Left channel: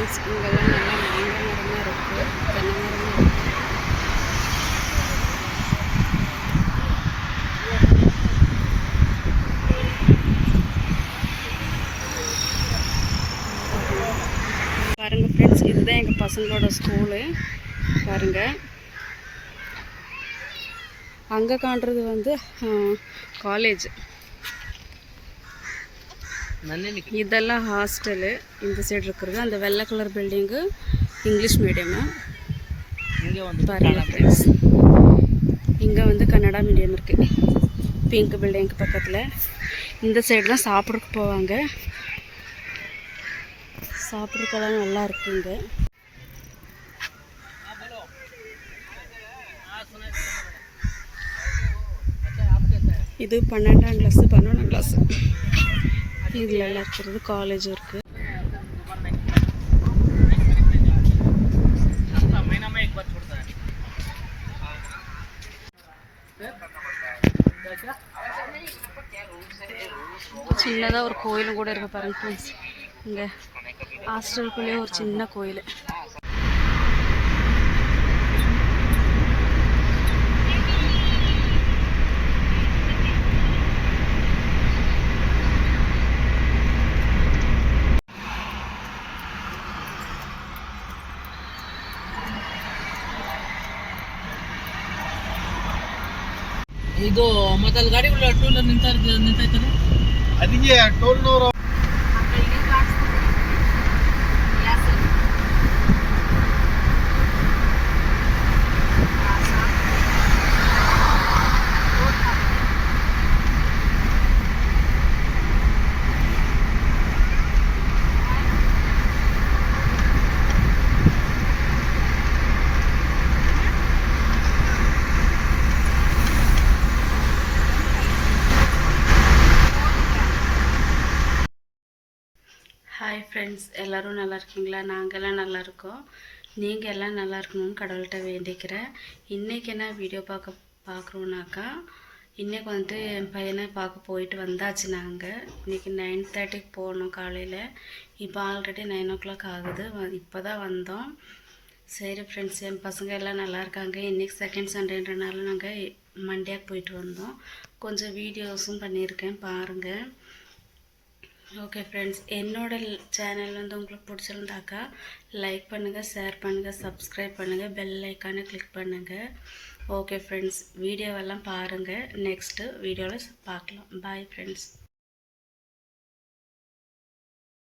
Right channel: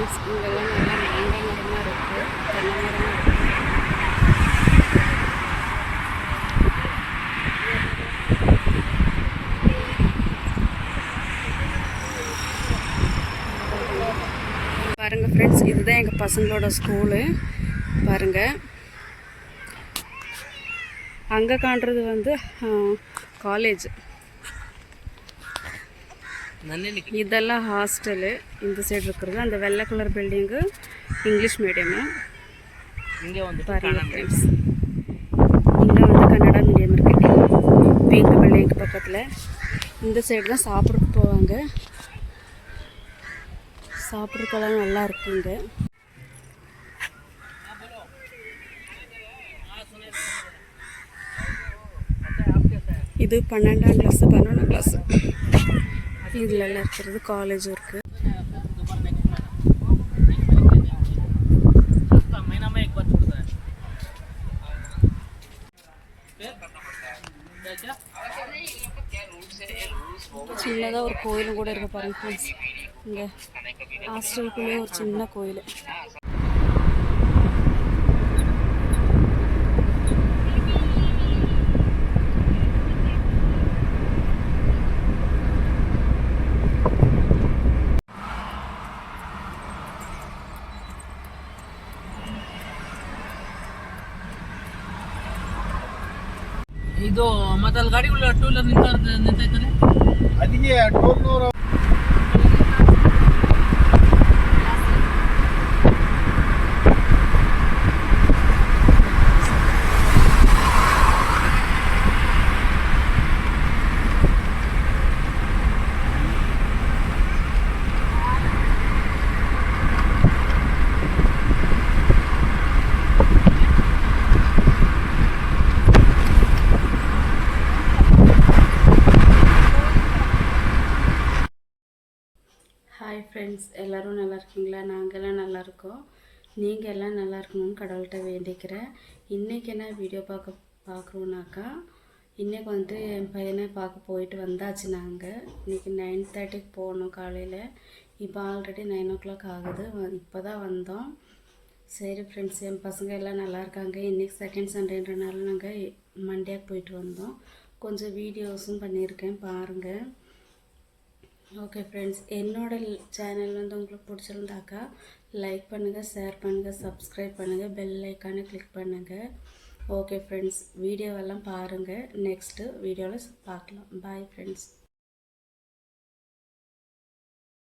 Friends, இங்கெல்லாம் நல்லா மாங்காய் மரமாக இருக்குது, தென்னை மரமாக இருக்குது. பாருங்கள் ஃப்ரெண்ட்ஸ், இதுதான் எங்கள் பசங்களோட ஸ்கூலு. பாருங்கள், அங்கே காண்றது வந்து காலேஜ். இதெல்லாம் ஹாஸ்டலு. இந்த சைடு இருக்கிறது அந்த வெள்ளை கலர் பில்டிங்கு இங்கிலீஷ் மீடியமு. பாருங்கள் ஃப்ரெண்ட்ஸ், இங்கே வந்து கன்னடா மீடியம் இருக்குது. பிங்க் பில்டிங்க்கு பக்கத்தில். இந்த சைடு தான் சாப்பிட்றதுக்கு போவாங்க. சாப்பிட்றதுக்கெல்லாம் நல்லா இருக்குங்க. இது 12ஆம் கிளாஸு 11ஆம் கிளாஸு. இதில் எல்லாம் இருக்கிறது காலேஜும் இருக்குது. சின்னதாக ஒரு கோயிலும் கூட இருக்குது பாருங்க ஃப்ரெண்ட்ஸ். இங்கே ஹாஸ்டலுக்குள்ளேயே ஒரு சின்ன கோயில். ಇದು ಮತ್ತೆ ಅಲ್ಲಿ ಗಾಡಿಗಳು ಟೂ ವೀಲರ್ ನಿಂತೈತಾರೆ ಅದಕ್ಕೆ ಟೋಲ್ನವರು. ஹாய் ஃப்ரெண்ட்ஸ், எல்லோரும் நல்லா இருக்கீங்களா? நாங்கள்லாம் நல்லா இருக்கோம். நீங்கள் எல்லாம் நல்லா இருக்கணும்னு கடவுள்கிட்ட வேண்டிக்கிறேன். இன்றைக்கி என்ன வீடியோ பார்க்குறோன்னாக்கா, இன்றைக்கி வந்துட்டு என் பையனை பார்க்க போயிட்டு வந்தாச்சு. நாங்கள் இன்றைக்கி 9:30க்கு போனோம் காலையில். இப்போ ஆல்ரெடி 9 o'clock ஆகுது. இப்போ தான் வந்தோம். சரி ஃப்ரெண்ட்ஸ், என் பசங்க எல்லாம் நல்லா இருக்காங்க. இன்றைக்கி செகண்ட் சண்டேன்றனால நாங்கள் மண்டேக்கு போயிட்டு வந்தோம். கொஞ்சம் வீடியோஸும் பண்ணியிருக்கேன், பாருங்கள். ஓகே ஃப்ரெண்ட்ஸ், என்னோட சேனல் வந்து உங்களுக்கு பிடிச்சிருந்தாக்கா லைக் பண்ணுங்கள், ஷேர் பண்ணுங்கள், சப்ஸ்கிரைப் பண்ணுங்கள், பெல் ஐக்கானை கிளிக் பண்ணுங்கள். ஓகே ஃப்ரெண்ட்ஸ், வீடியோவெல்லாம் பாருங்கள். நெக்ஸ்ட்டு வீடியோவில் பார்க்கலாம். Bye friends.